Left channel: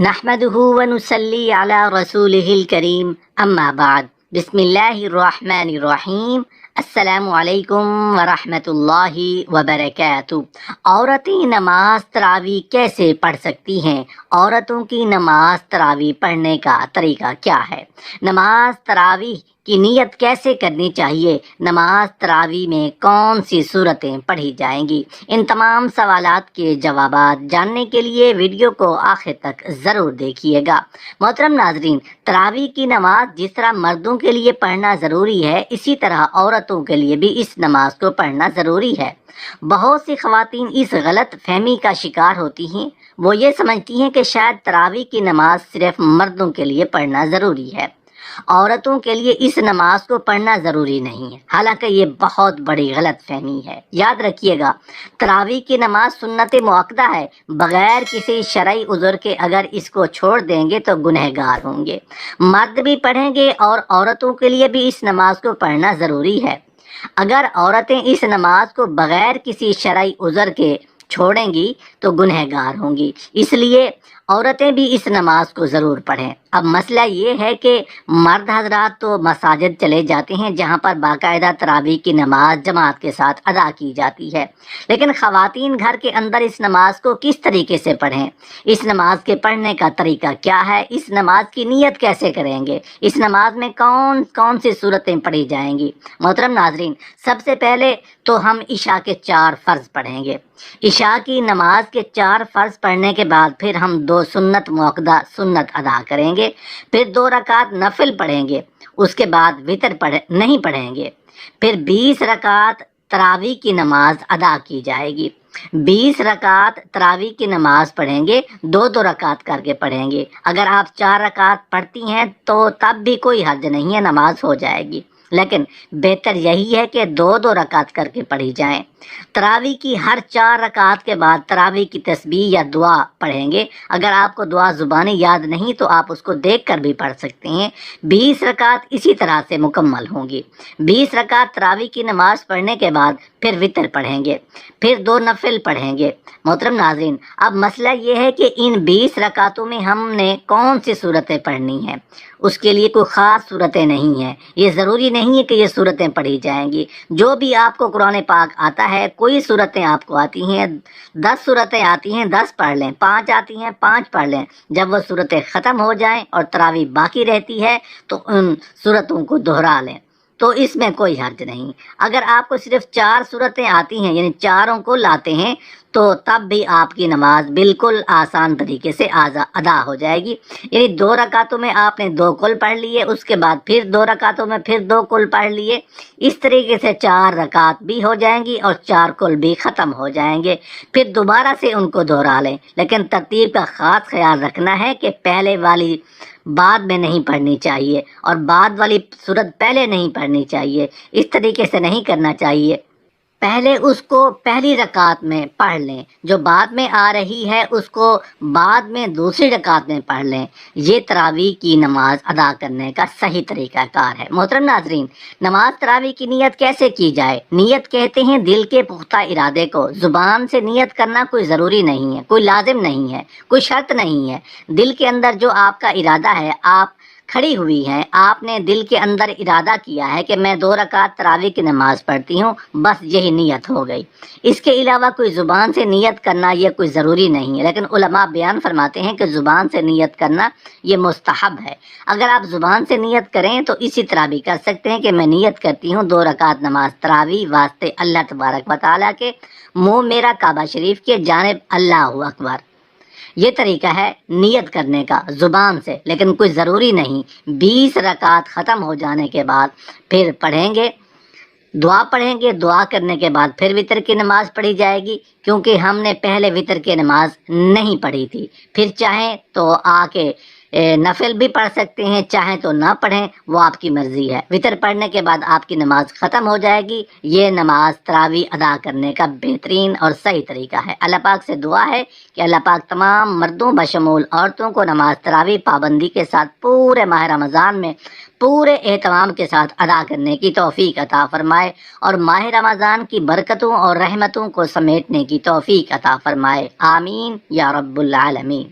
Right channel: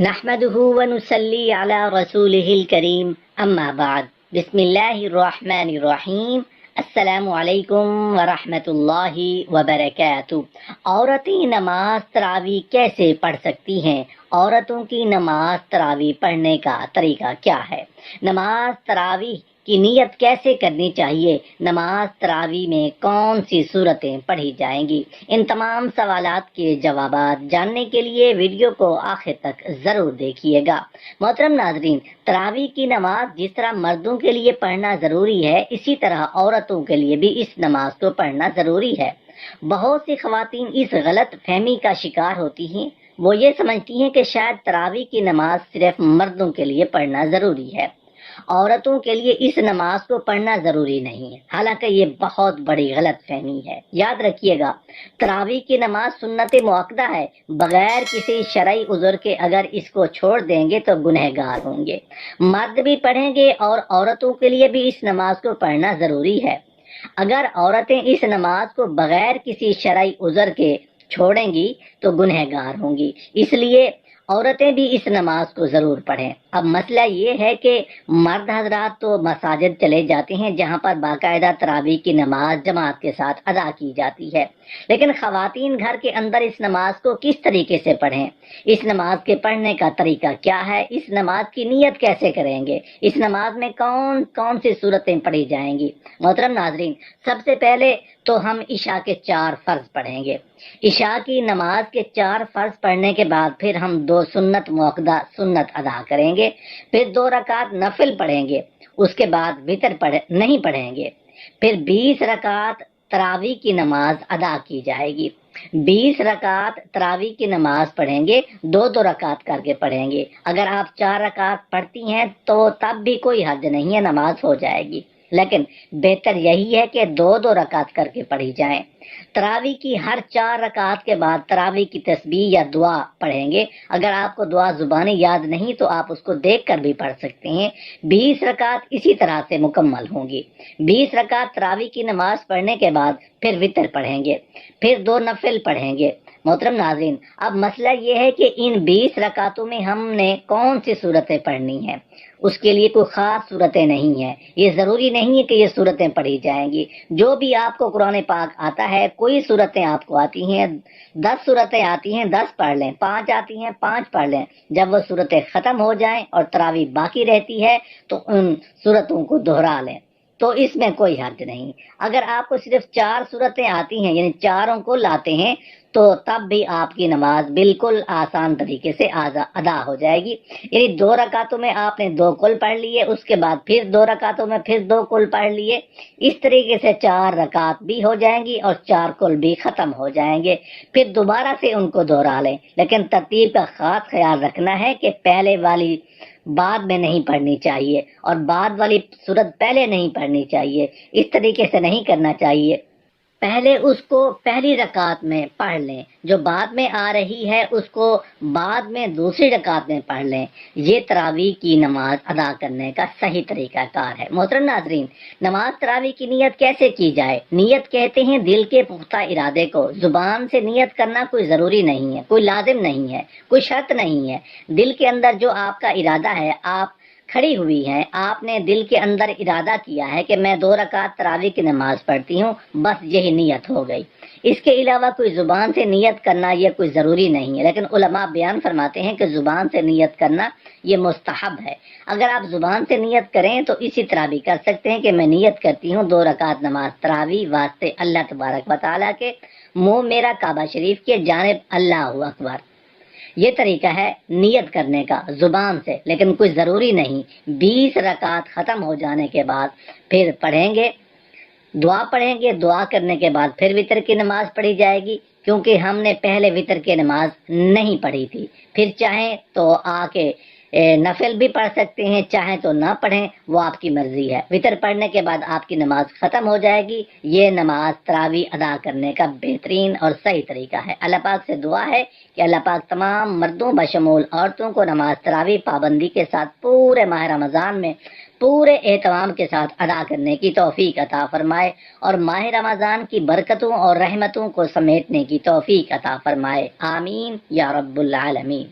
نحمده ونصلي على رسوله الكريم اما بعد بسم اللہ الرحمن الرحیم السلام علیکم ورحمۃ اللہ وبرکاتہ۔ عورتیں نماز تراویح کیسے پڑھ سکتی ہیں؟ عورتوں کی نماز تراویح پڑھنے کا طریقہ کیا ہے؟ نماز تراویح کی نیت کیسے کرنی چاہیے؟ نماز تراویح میں کون سی صورتیں پڑھی جائیں گی؟ ان تمام سوالات کے جوابات جاننے کے لیے ویڈیو کو آخر تک ضرور دیکھیے گا۔ محترم ناظرین، تراویح کی نماز جس طرح مردوں کے لیے پڑھنا ضروری ہے، اسی طرح عورتوں کے لیے بھی اس نماز کو پڑھنا ضروری ہے۔ بہت سی خواتین اس غلط فہمی کا شکار ہوتی ہیں، وہ یہ سمجھتی ہیں کہ شاید تراویح کی نماز صرف مردوں کے لیے پڑھنا ضروری ہے، عورتوں کے لیے اس نماز کو پڑھنا ضروری نہیں ہے، حالانکہ یہ بہت بڑی غلط فہمی ہے۔ یاد رکھیے گا، تراویح کی نماز سنت مؤکدہ ہے، بغیر کسی شرعی عذر کے اگر اس کو چھوڑ دیں گے تو گنہگار ہوں گے۔ مرد بھی پڑھیں گے اور عورتوں کے لیے بھی اس نماز کو پڑھنا ضروری ہے۔ اگر عورتیں اس نماز کو بغیر کسی شرعی عذر کے چھوڑیں گی تو گنہگار ہوں گی، اس لیے عورتیں بھی اس نماز کو ضرور پڑھیں۔ اب مسئلہ یہ ہے کہ مرد حضرات تو مساجد چلے جاتے ہیں جہاں پر باقاعدہ تراویح کی نماز جماعت کے ساتھ ادا کی جاتی ہے، لیکن خواتین گھر کے اندر اس نماز کو کس طریقے سے پڑھیں؟ اس نماز کے پڑھنے کا طریقہ کیا ہے؟ اس نماز کی نیت کیسے کریں گے؟ اس نماز میں کون کون سی صورتیں پڑھی جائیں گی؟ محترم ناظرین، سب سے پہلے تو ہم عشاء کے 4 فرض پڑھیں گے۔ عشاء کی نماز کے 4 فرض پڑھنے کے بعد پھر ہم 2 سنت مؤکدہ سنت ادا کریں گے، پھر 2 رکعت نفل پڑھیں گے، اس کے بعد وتر نہیں پڑھیں گے، پھر 20 رکعت تراویح کی نماز ادا کی جائے گی۔ 20 رکعت تراویح کی نماز پڑھیں گے، 2 رکعت کر کے پڑھیں گے۔ اگر آپ 4 رکعت پڑھتی ہیں تو تب بھی کوئی حرج نہیں ہے، نماز ہو جائے گی، لیکن بہتر یہی ہے کہ 2 رکعت کر کے پڑھی جائیں۔ تراویح کی ہر 4 رکعت کے بعد تراویح کی تسبیح یا دعا پڑھیں گے۔ اگر آپ کو دعا زبانی یاد نہیں تو آپ اس کو دیکھ کر بھی پڑھ سکتے ہیں۔ 20 رکعت اسی طرح سے مکمل ہوں گی۔ 20 رکعت تراویح کی نماز پڑھنے کے بعد پھر وتر پڑھیں گے، پھر 2 نفل پڑھیں گے۔ محترم ناظرین، اب مسئلہ یہ ہے کہ ان 20 رکعتوں میں ہم نے کون سی صورتیں پڑھنی ہیں؟ اس کے لیے کوئی خاص صورتیں نہیں ہیں، یہ ضروری نہیں ہے کہ یہ صورتیں پڑھی جائیں گی۔ جو بھی آپ کو قرآن پاک آتا ہے، کوئی صورتیں آپ کو آتی ہیں، 10 صورتیں آتی ہیں 10 پڑھ لیں، 5 آتی ہیں 5 پڑھ لیں۔ جب وہ صورتیں ختم ہو جائیں اور تراویح باقی رہتی ہے تو ان صورتوں کو دہرا لیں، تو اس میں کوئی حرج نہیں۔ اگر آپ کو صرف 4 صورتیں آتی ہیں، یعنی چاروں کو لاتے ہیں، تو تب بھی آپ کی نماز بالکل آسان طریقے سے ادا ہو جائے گی۔ یعنی 2 رکعتوں میں آپ نے 2 کل پڑھ لیے، اس کے بعد پھر 2 رکعتوں میں پھر 2 کل پڑھ لیے، اس طریقے سے 4 رکعت بھی ہو جائیں گی اور 4 کل بھی ختم ہو جائیں گے۔ پھر دوبارہ سے ان کو دہرا لیں، لیکن ترتیب کا خاص خیال رکھنا ہے کہ پہلے والی بعد میں نہیں پڑھنی چاہیے اور بعد والی صورت پہلے نہیں پڑھنی چاہیے، اس طریقے سے نہیں کرنا چاہیے۔ پہلے اس کو پہلی رکعت میں پڑھ لیں، جو بعد میں آ رہی ہے اس کو بعد میں دوسری رکعت میں پڑھ لیں۔ یہ تراویح کی نماز ادا کرنے کا صحیح طریقہ کار ہے۔ محترم ناظرین، نماز تراویح کی نیت کیسے کی جائے؟ نیت کہتے ہیں دل کے پختہ ارادے کو۔ زبان سے نیت کرنا کوئی ضروری نہیں ہے، کوئی لازم نہیں ہے، کوئی شرط نہیں ہے۔ دل کے اندر جو آپ کا ارادہ ہے، آپ کھڑی ہوئی ہیں، آپ نے دل کے اندر ارادہ کیا ہے کہ میں 2 رکعت تراویح کی نماز پڑھتی ہوں، بس یہی نیت ہو گئی۔ اس کے علاوہ کوئی زبان سے نیت کرنا یہ کوئی ضروری نہیں ہے، لیکن علماء بیان فرماتے ہیں کہ زبان سے نیت کرنا یہ مستحب ہے۔ اگر آپ زبان سے نیت کریں تو اسی طرح بھی کر سکتے ہیں کہ میں نیت کرتی ہوں 2 رکعت نماز تراویح واسطے اللہ تبارک و تعالیٰ کے، منہ میرا کعبہ شریف کے جانب، اللہ اکبر۔ یہ طریقہ ہے نیت کرنے کا زبان سے، لیکن کوئی ضروری نہیں۔ 20 رکعت ختم ہو جانے کے بعد پھر پڑھیں گے، دعا پڑھیں گے، دعا کرنے کے بعد پھر وتر کی نماز پڑھی جائے گی، کیونکہ ہم نے پہلے وتر کی نماز نہیں پڑھی تھی۔ پھر چاہیں تو آ کے نفل بھی پڑھ سکتے ہیں، چاہیں تو نہ پڑھیں، وہ آپ کی مرضی ہے۔ وتر پڑھنے کے بعد آپ کی نماز ختم ہو جائے گی۔ یہ نماز تراویح ادا کرنے کا بہترین اور صحیح طریقہ ہے۔ اللہ پاک سے دعا ہے کہ اللہ پاک تمام مردوں بشمول عورتوں کو نماز تراویح پابندی کے ساتھ پورے ماہ رمضان میں پورے اہتمام کے ساتھ ادا کرنے کی توفیق عطا فرمائے اور ماہ رمضان کی برکتوں اور رحمتوں کو سمیٹنے کی توفیق عطا فرمائے۔ آمین یا رب العالمین۔